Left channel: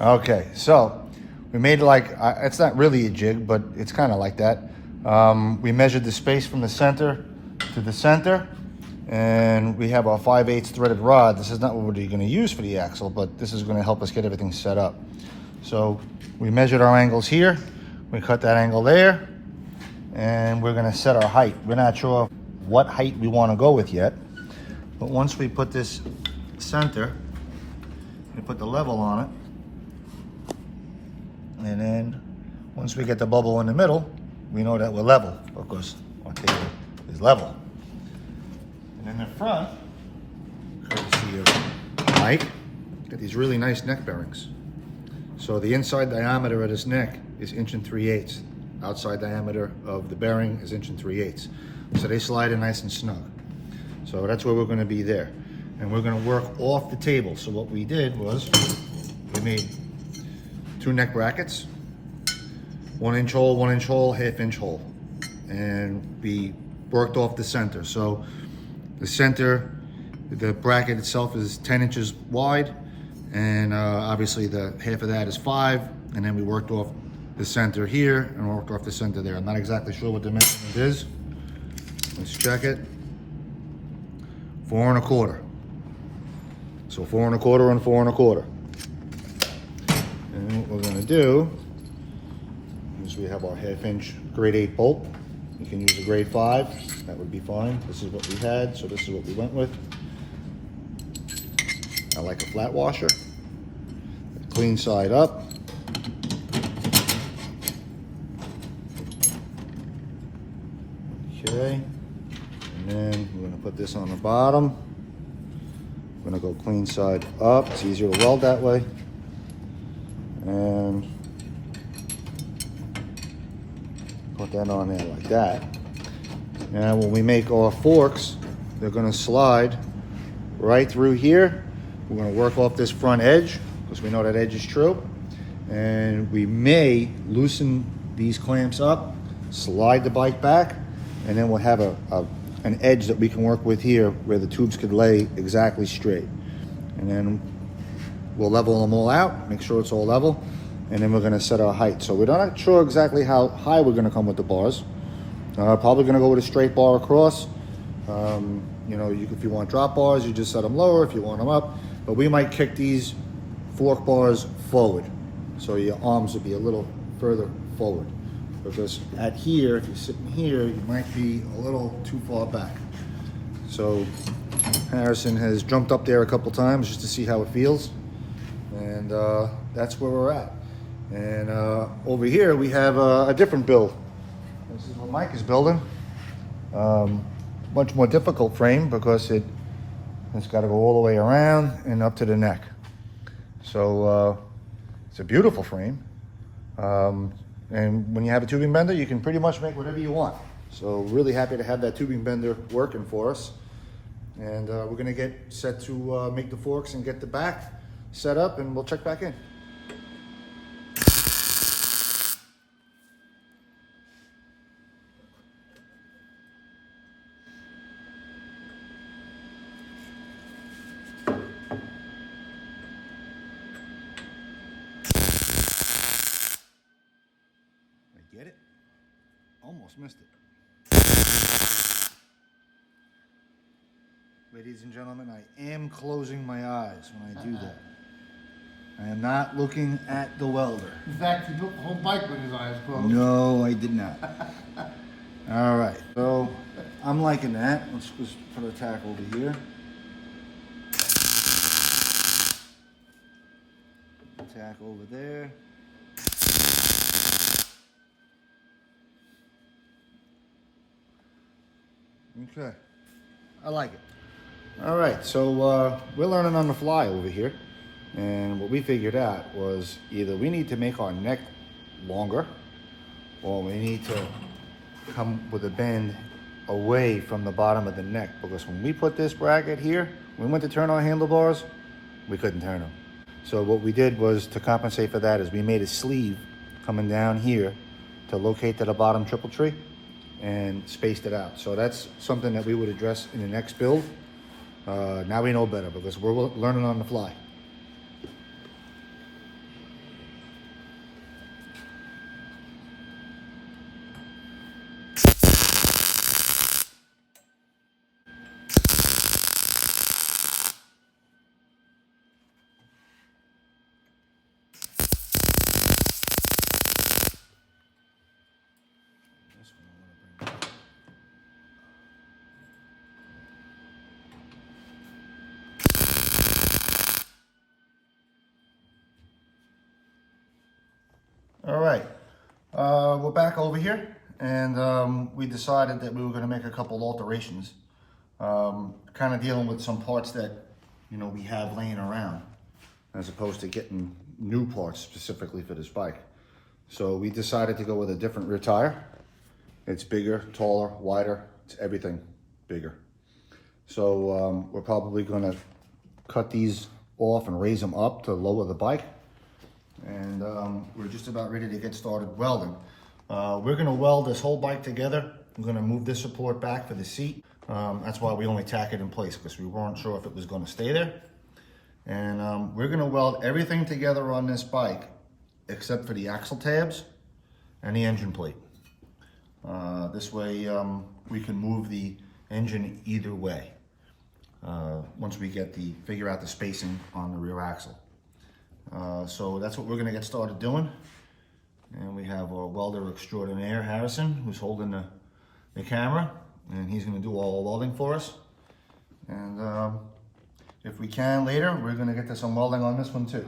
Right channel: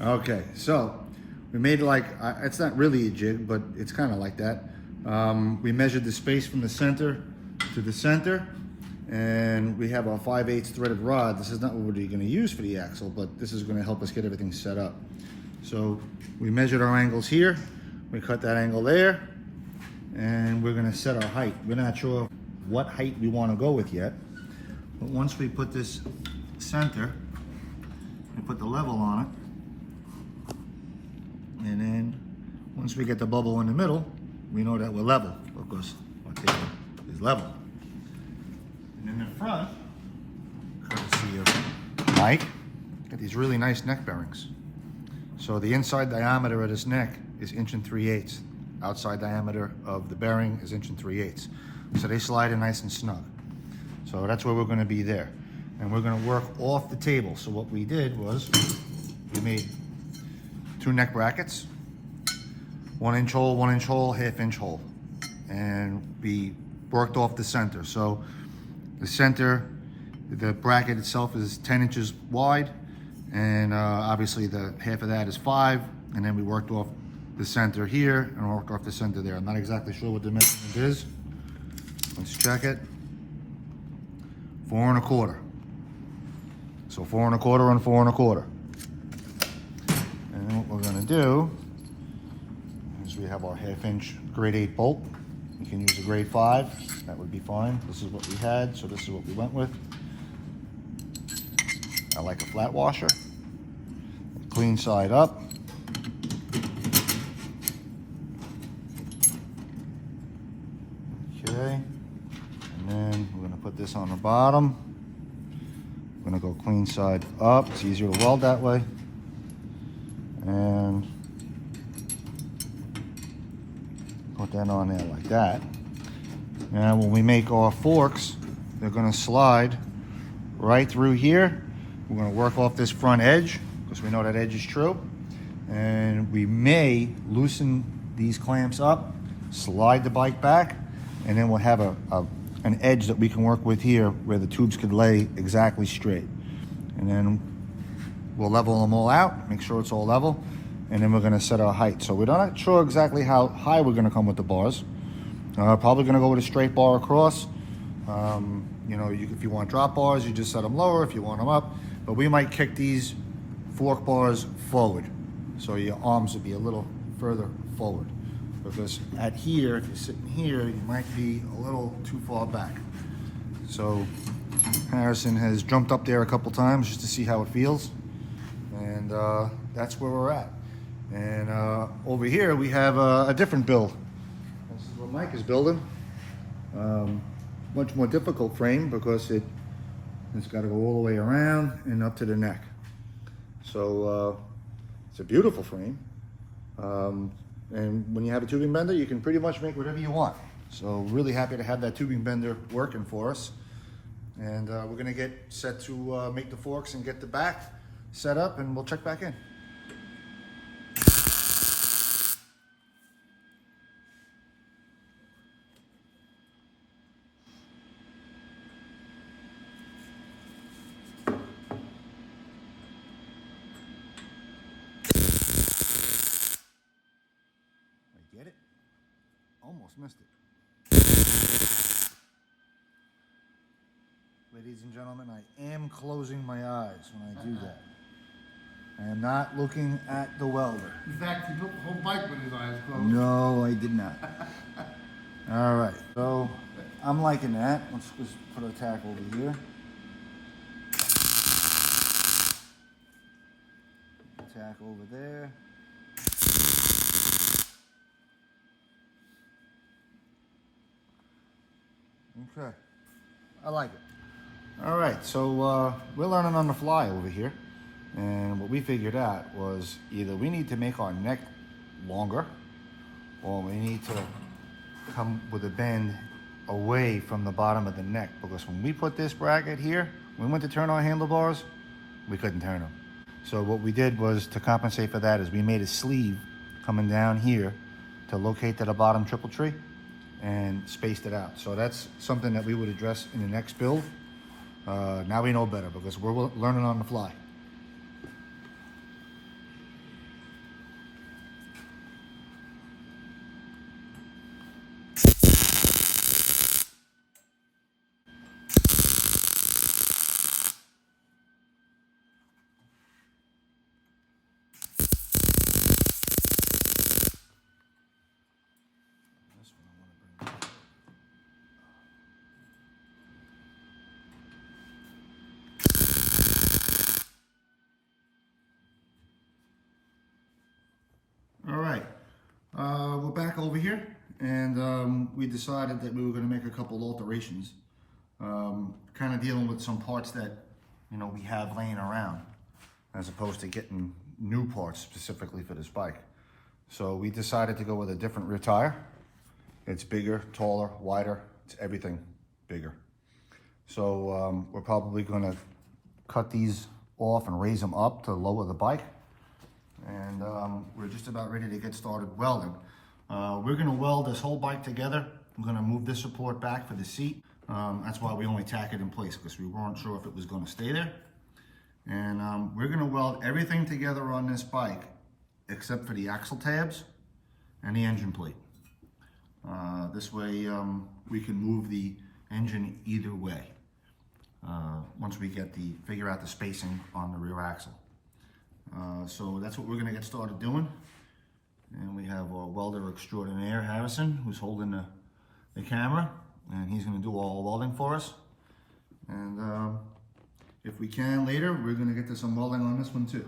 Okay, so we made like, it's not really a jig, but it's kind of like that. We measured the space from the center to the center, and we have our 5/8 threaded rod. This is not what we're going to use for the axle, but this is going to help us get everything set up. So we measured our angles here, we cut that angle there, and we're going to set our height. We're not sure what height we want to go with yet, but once we put this center, we put the level on it, and then once we get the bubble in the middle, we know that we're level because our table is level. And in the front, courtesy of Mike, got these really nice neck bearings. So the inside diameter of this neck is 1 3/8. Outside diameter of the bearing is 1 3/8. So they slide in nice and snug. So that's where we're going to be there. And we're going to work off the table. So what we did was we made 2 neck brackets, 1 inch hole, 1 inch hole, 1/2 inch hole, and we worked off the center. So the center, the bracket itself is 10 inches wide, and obviously the half of that is 5, and then we worked off the center here and worked off the center there. I'm not exactly sure what the measurement is. Let's check it. 4 1/4. So 4 1/4 and 4 1/4. And what we're going to do is we have our 1/2 inch grade 8 bolt. You can use a grade 5, that would be fine. This is what we had, so this is what we went with. I like a flat washer. Clean side up. Okay, and then we're going to put this on the bottom. I'm going to go clean side up. It's easier to weld that way. And put that on there like that. Now when we make our forks, they're going to slide right through here. We're going to work off this front edge because we know that edge is true. And we may loosen these clamps up, slide the bike back, and then we'll have an edge that we can work with here where the tubes could lay exactly straight. And then we'll level them all out, make sure it's all level, and then we're going to set our height. So we're not sure exactly how high we're going to come with the bars. Probably going to go with a straight bar across. You know, if you want drop bars, you just set them lower. If you want them up, but we might kick these fork bars forward, so your arms will be a little further forward. Because at here, if you're sitting here, you might be a little too far back. So Harrison has jumped up there a couple times just to see how it feels, and that's where we're at. And over here we have a different build. This is what Mike is building. Much more difficult frame because it's got to go all the way around and up to the neck. So it's a beautiful frame. And when you have a tubing bender, you can pretty much make whatever you want. So really happy to have that tubing bender working for us. And we're gonna get set to make the forks and get the back set up, and we'll check back in. Get it? Almost missed it. Ladies and gentlemen, I am closing my eyes when I do that. I am not looking at the welder. In fact, he built the whole bike with his eyes closed. No, I did not. All right, so I'm liking that. Let's just put a tack over here. Tack over there. Okay, I like it. All right, so we're learning on the fly over here, and what we figured out was either we need to make our neck longer, or we need to come with a bend away from the bottom of the neck, because when we put this bracket here, we went to turn our handlebars, we couldn't turn them. So what we did was, to compensate for that, is we made a sleeve coming down here to locate to the bottom triple tree, and spaced it out. So that's something that we would address in the next build. Now we know better because we're learning on the fly. All right, we're back over here, and we decided that we were going to make a couple alterations, kind of dealing with some parts that, you know, we have laying around, as opposed to getting new parts specifically for this bike. So we decided to go with a different rear tire. It's bigger, taller, wider, it's everything bigger. So we're probably going to cut these off and raise them up to lower the bike. And we're just about ready to get started welding. We're going to weld this whole bike together. I'm going to move this support back for the seat. That's why we only tack it in place, because we weren't sure if it was going to stay there. And we're going to weld everything together on this bike except for the axle tabs and the engine plate. This way we can move the engine either way once we figure out the spacing on the rear axle. So that's what we're going to get started doing. And we have our welder extraordinaire, Harrison, who's holding the camera, and he's going to do all the welding for us. And if we can later, we're going to get to some welding on this one too.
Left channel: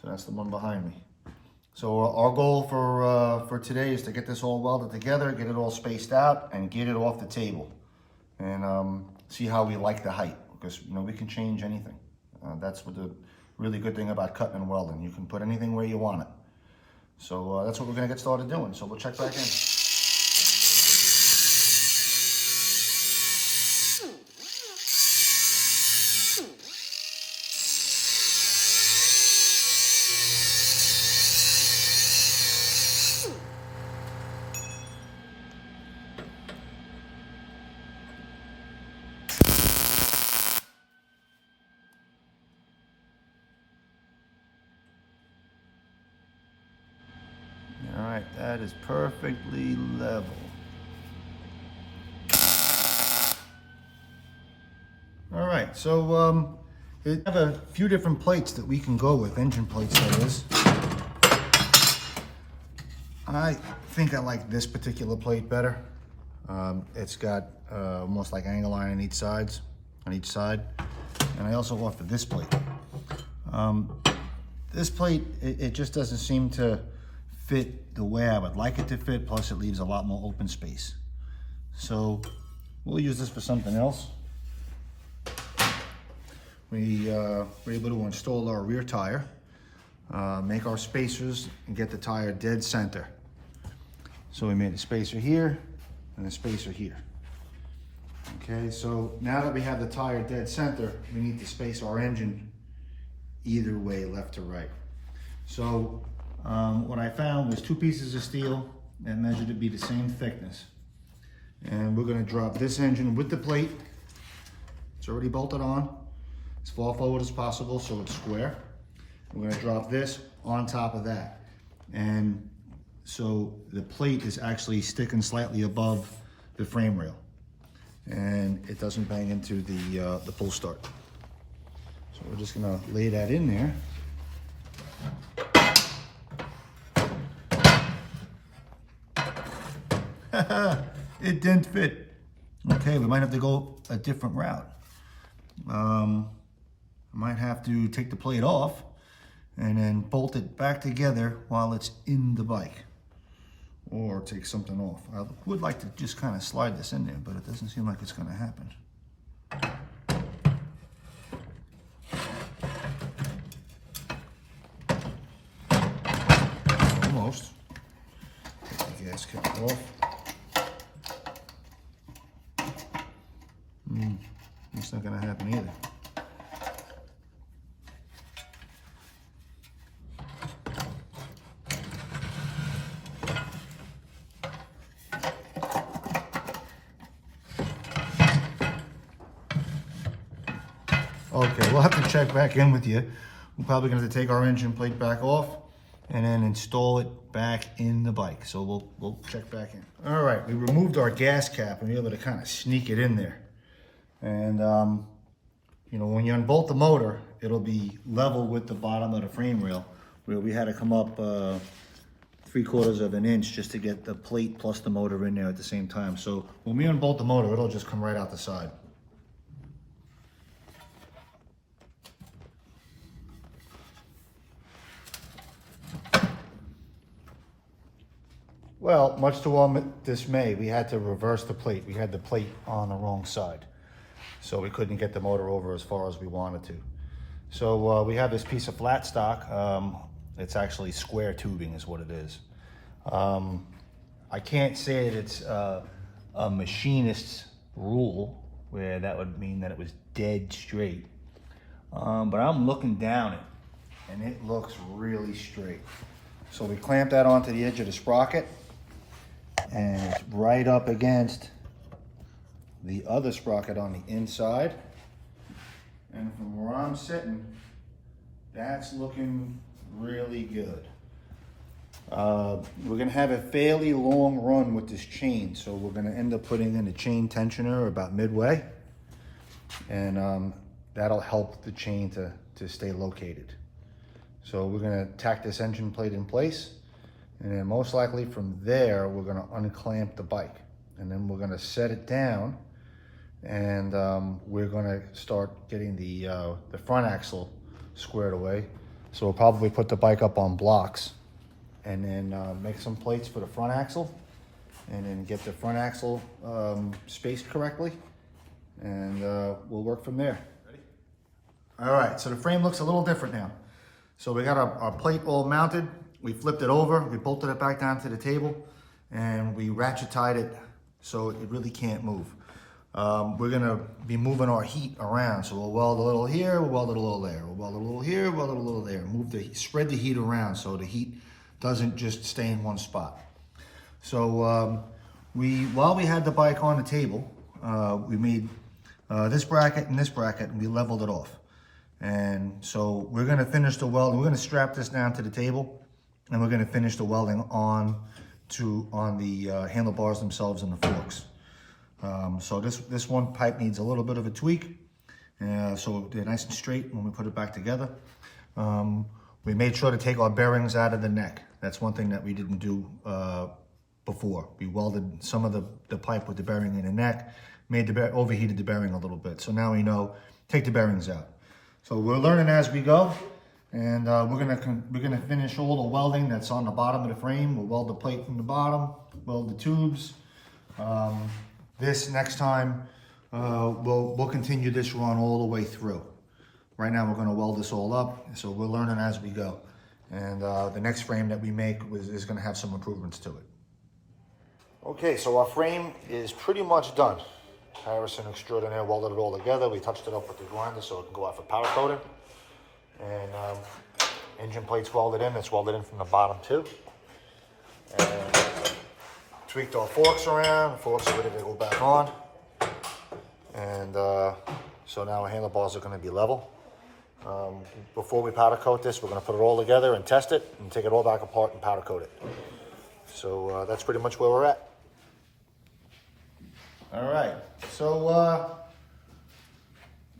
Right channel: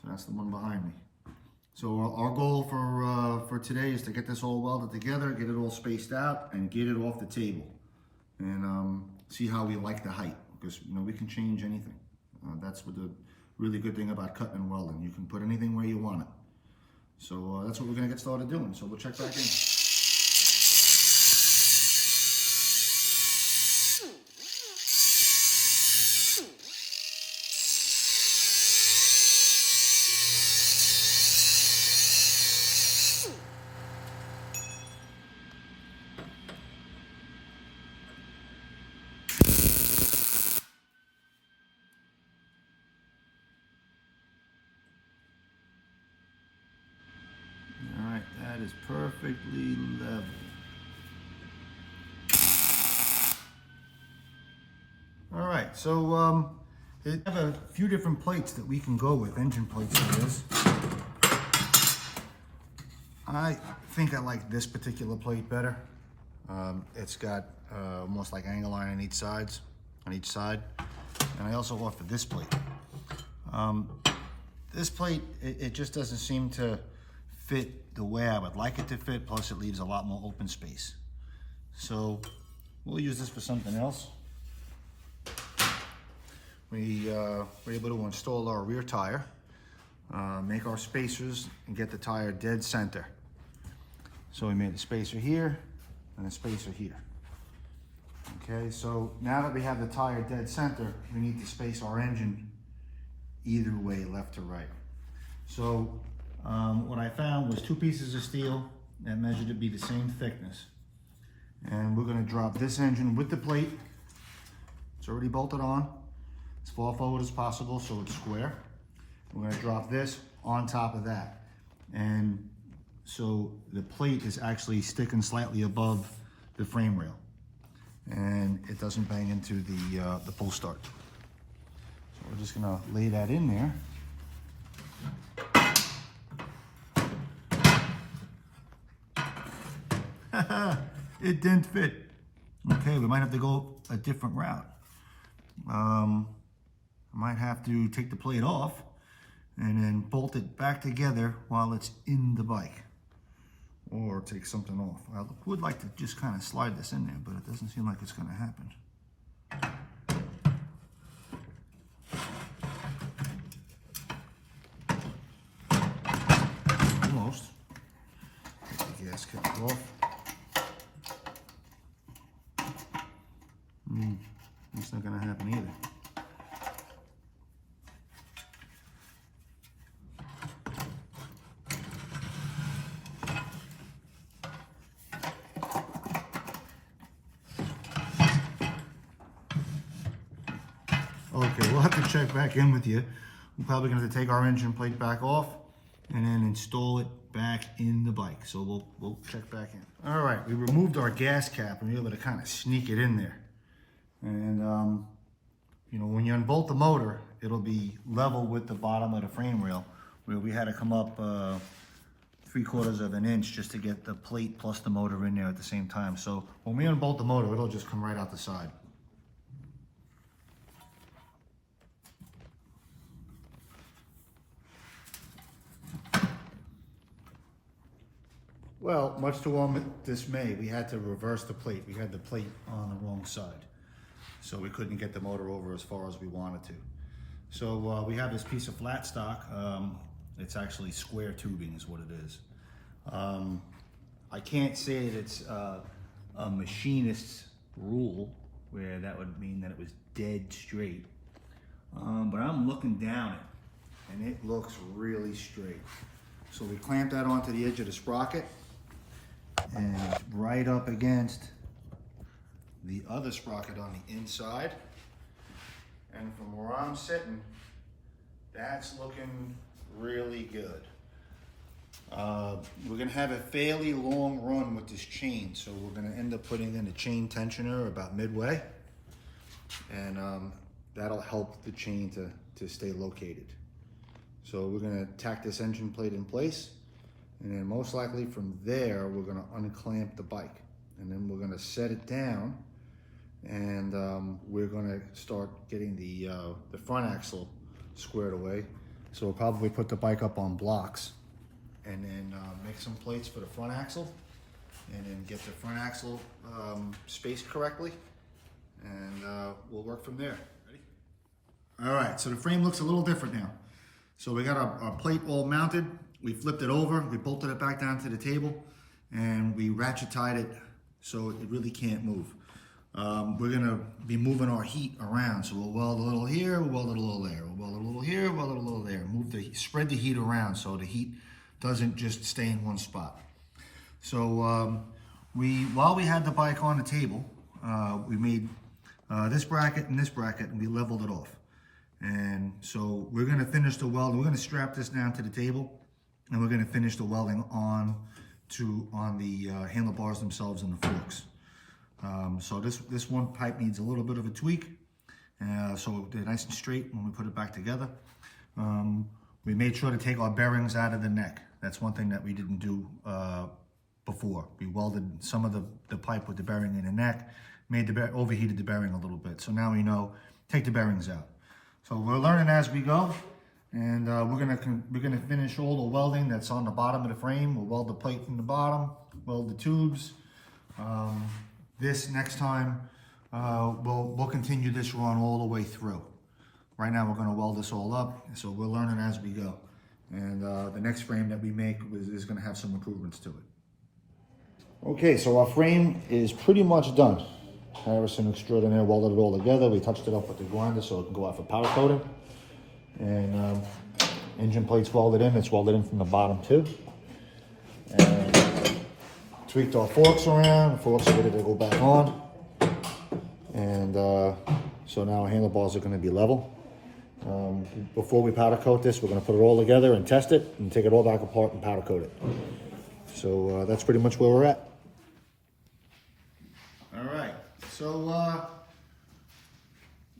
So that's the one behind me. So our goal for today is to get this all welded together, get it all spaced out, and get it off the table. And see how we like the height, because, you know, we can change anything. That's what the really good thing about cutting and welding. You can put anything where you want it. So that's what we're going to get started doing. So we'll check back in. All right, that is perfectly level. All right, so we have a few different plates that we can go with, engine plates that is. I think I like this particular plate better. It's got almost like angle line on each side. And I also offer this plate. This plate, it just doesn't seem to fit the way I would like it to fit, plus it leaves a lot more open space. So we'll use this for something else. We were able to install our rear tire, make our spacers, and get the tire dead center. So we made a spacer here and a spacer here. Okay, so now that we have the tire dead center, we need to space our engine either way, left to right. So what I found was 2 pieces of steel that measured to be the same thickness. And we're going to drop this engine with the plate. It's already bolted on, as far forward as possible so it's square. We're going to drop this on top of that. And so the plate is actually sticking slightly above the frame rail. And it doesn't bang into the pull start. So we're just going to lay that in there. It didn't fit. Okay, we might have to go a different route. I might have to take the plate off and then bolt it back together while it's in the bike, or take something off. I would like to just kind of slide this in there, but it doesn't seem like it's going to happen. Almost. Take the gasket off. It's not going to happen either. Okay, we'll have to check back in with you. We're probably going to have to take our engine plate back off and then install it back in the bike. So we'll check back in. All right, we removed our gas cap and we were able to kind of sneak it in there. And you know, when you unbolt the motor, it'll be level with the bottom of the frame rail, where we had to come up 3/4 of an inch just to get the plate plus the motor in there at the same time. So when we unbolt the motor, it'll just come right out the side. Well, much to our dismay, we had to reverse the plate. We had the plate on the wrong side. So we couldn't get the motor over as far as we wanted to. So we have this piece of flat stock. It's actually square tubing is what it is. I can't say that it's a machinist's rule, where that would mean that it was dead straight. But I'm looking down it, and it looks really straight. So we clamp that onto the edge of the sprocket, and it's right up against the other sprocket on the inside. And from where I'm sitting, that's looking really good. We're gonna have a fairly long run with this chain, so we're gonna end up putting in a chain tensioner about midway, and that'll help the chain to stay located. So we're gonna tack this engine plate in place, and then most likely from there, we're gonna unclamp the bike, and then we're gonna set it down, and we're gonna start getting the front axle squared away. So we'll probably put the bike up on blocks, and then make some plates for the front axle, and then get the front axle spaced correctly, and we'll work from there. All right, so the frame looks a little different now. So we got our plate all mounted, we flipped it over, we bolted it back down to the table, and we ratchet tied it so it really can't move. We're gonna be moving our heat around, so we'll weld a little here, we'll weld it a little there, we'll weld a little here, weld it a little there. Spread the heat around so the heat doesn't just stay in one spot. So while we had the bike on the table, we made this bracket and this bracket, and we leveled it off. And so we're gonna finish the welding. We're gonna strap this down to the table, and we're gonna finish the welding on the handlebars themselves and the forks. So this one pipe needs a little bit of a tweak, so they're nice and straight when we put it back together. We made sure to take our bearings out of the neck. That's one thing that we didn't do before. We welded some of the pipe with the bearing in the neck, overheated the bearing a little bit. So now we know, take the bearings out. So we're learning as we go, and we're gonna finish all the welding that's on the bottom of the frame. We'll weld the plate from the bottom, weld the tubes. This next time, we'll continue this run all the way through. Right now we're gonna weld this all up, so we're learning as we go. And the next frame that we make is gonna have some improvements to it. Okay, so our frame is pretty much done. Harrison Extraordinaire welded it all together. We touched it up with the grinder so it can go out for powder coating. And engine plate's welded in. It's welded in from the bottom too. And tweaked our forks around. The forks are ready to go back on. And so now our handlebars are going to be level. Before we powder coat this, we're going to put it all together and test it and take it all back apart and powder coat it. So that's pretty much where we're at. All right, so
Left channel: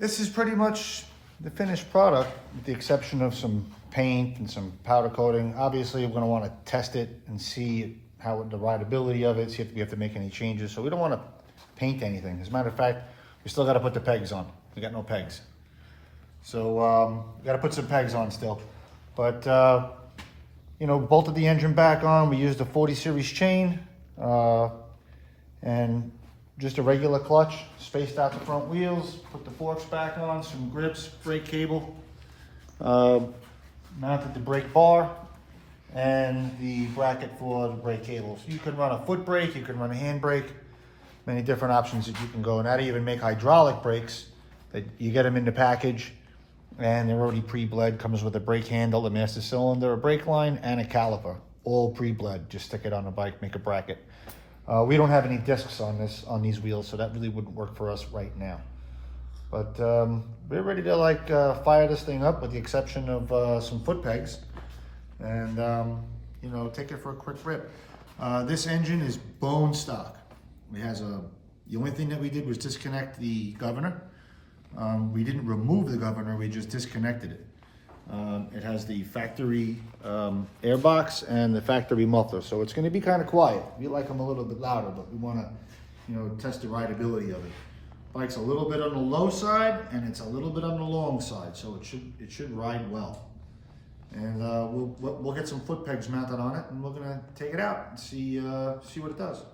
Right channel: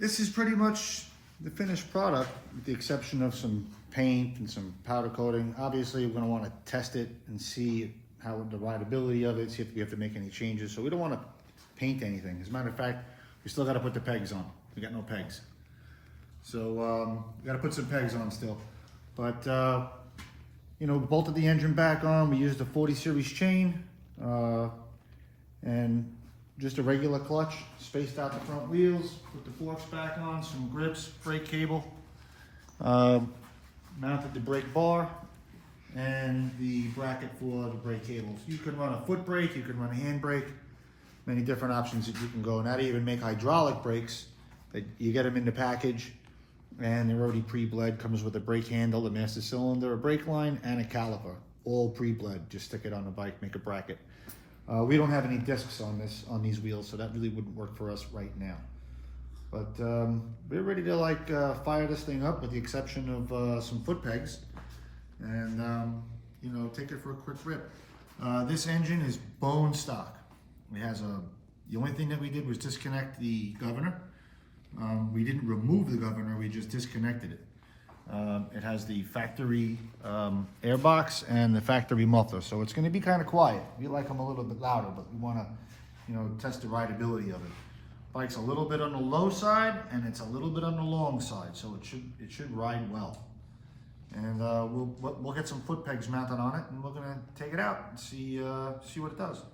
this is pretty much the finished product, with the exception of some paint and some powder coating. Obviously, we're gonna wanna test it and see how the rideability of it, see if we have to make any changes. So we don't wanna paint anything. As a matter of fact, we still gotta put the pegs on. We got no pegs. So we gotta put some pegs on still. But, you know, bolted the engine back on. We used a 40 series chain and just a regular clutch, spaced out the front wheels, put the forks back on, some grips, brake cable, mounted the brake bar, and the bracket for the brake cables. You can run a foot brake, you can run a hand brake, many different options that you can go. Now they even make hydraulic brakes. You get them in the package, and they're already pre-bled. Comes with a brake handle, a master cylinder, a brake line, and a caliper, all pre-bled. Just stick it on the bike, make a bracket. We don't have any discs on these wheels, so that really wouldn't work for us right now. But we're ready to fire this thing up, with the exception of some foot pegs, and you know, take it for a quick rip. This engine is bone stock. It has the only thing that we did was disconnect the governor. We didn't remove the governor, we just disconnected it. It has the factory airbox and the factory muffler, so it's going to be kind of quiet. We like them a little bit louder, but we want to, you know, test the rideability of it. Bike's a little bit on the low side, and it's a little bit on the long side, so it should ride well. And we'll get some foot pegs mounted on it, and we're gonna take it out and see what it does.